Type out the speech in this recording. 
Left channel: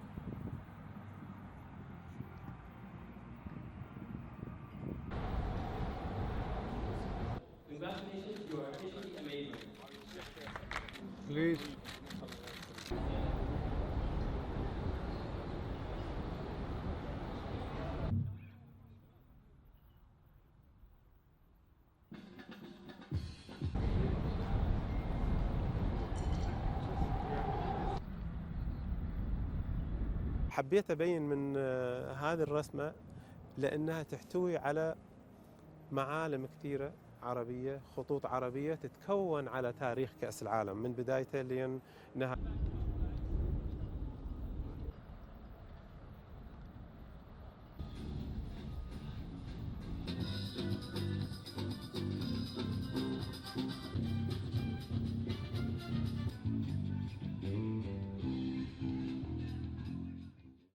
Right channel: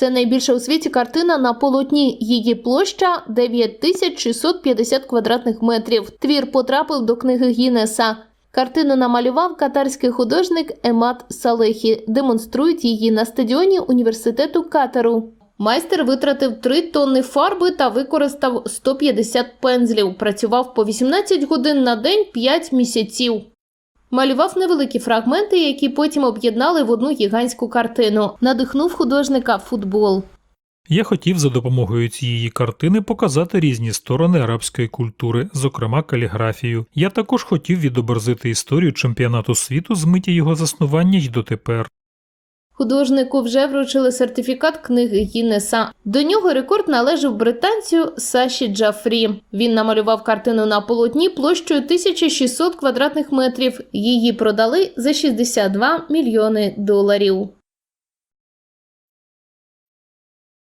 Це найбільша у світі картина на полотні. Її площа 9650 квадратних метрів. Твір потрапив до книги Гіннеса. Картину намалював катарський художник Емат Салехі. Демонструють її на стадіоні університету Катару. Майстер витратив 3 тонни фарби та використав 150 пензлів. Працював по 18 годин на день 5 місяців. Малював невеликі фрагменти, які потім об'єднали в одну гігантську картину. Надихнув художника футбол. Я хотів за допомогою цієї картини показати різні сторони арабської культури, зокрема каліграфію. Я також хотів відобразити історію чемпіонату світу з миті його заснування й дотепер. Художнику вже вручили сертифікат книги Гіннеса. До нього рекорд належав британцю Саші Джафрі. Він намалював картину на полотні площею 1600 квадратних метрів. Її продали за 62 мільйони доларів.